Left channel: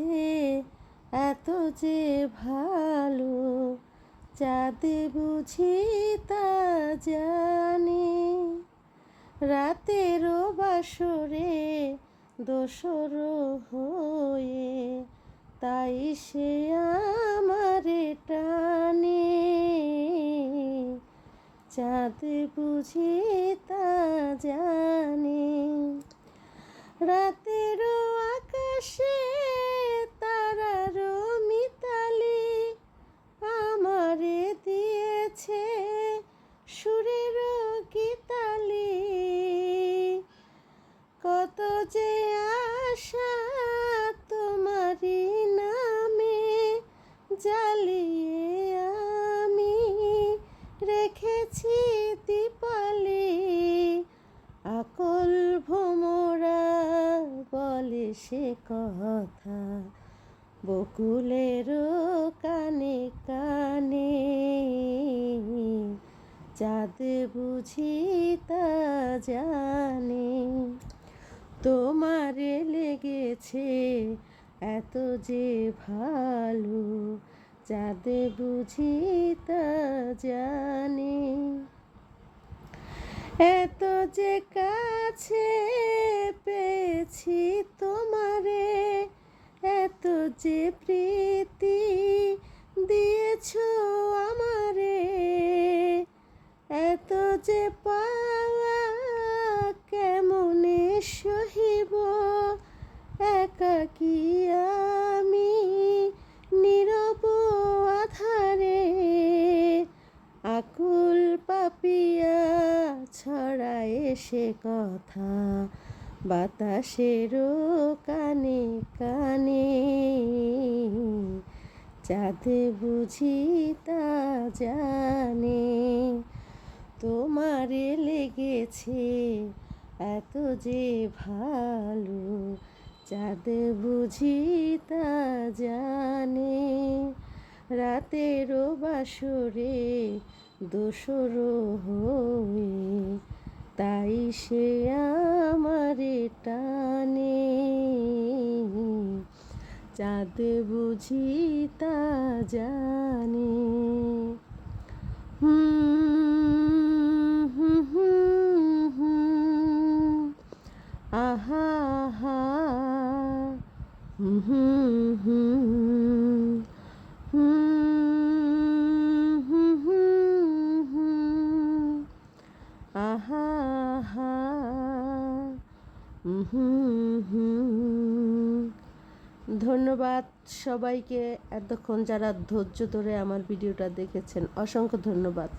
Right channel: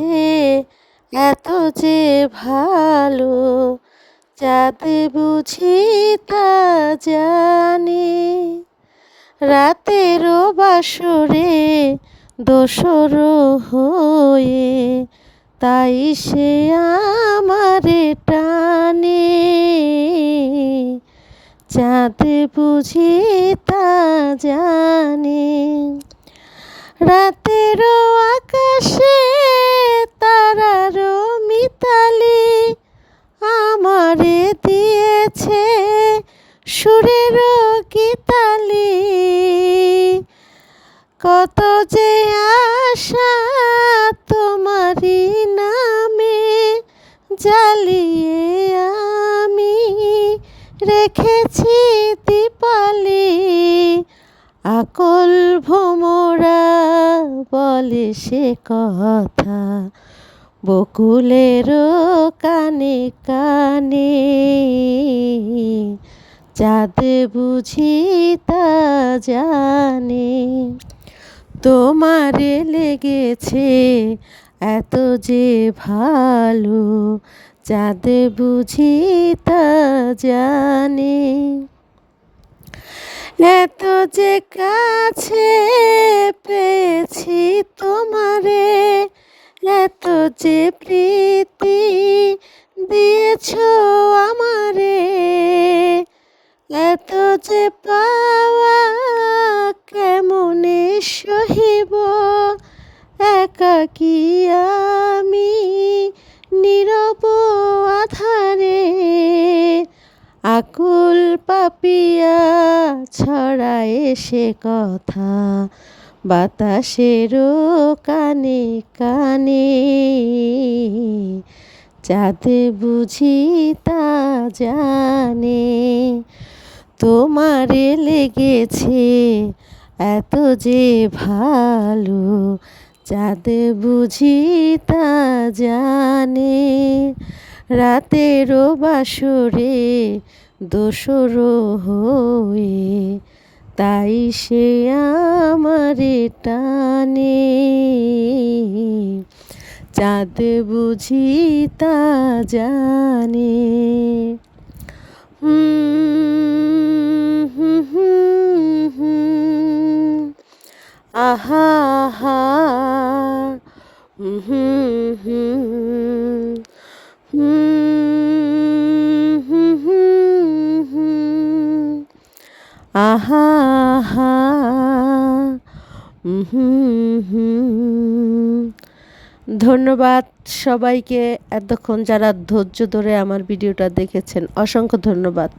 লেগেছে এত যে ভালো, চাঁদ বুঝি তা জানে। রাতেরও বাসরে দোসর হয়ে, তাই সে আমারে টানে। চাঁদ বুঝি তা জানে। রাতেরও আকাশে তারারও মিতালি আমারে দিয়েছে সুরেরও গীতালি। কত যে আশা তোমারই নামে জ্বালিয়ে আমি রেখেছি দীপালি। আকুল ভোমরা বলে সে কথা বকুলেরও কানে কানে। চাঁদ বুঝি তা জানে। তোমারে লেগেছে এত যে ভালো, চাঁদ বুঝি তা জানে। এত যে কাছে পেয়েছি তোমারে, এত যে প্রীতি দিয়েছ আমারে, এত যে পাওয়া কেমনে সহিব একাকী আমি নীরব আধারে। আকুল পাপিয়া ছড়ায় সে কথা বাতাসেরও কানে কানে। চাঁদ বুঝি তা জানে। তোমারে লেগেছে এত যে ভালো, চাঁদ বুঝি তা জানে। রাতেরও বাসরে দোসর হয়ে, তাই সে আমারে টানে। চাঁদ বুঝি তা জানে। আহা আহা আহা আহা। ধন্যবাদ সবাইকে, এতক্ষণ যারা ধৈর্য ধরে আমার ভিডিওটা দেখেছেন, অসংখ্য ধন্যবাদ।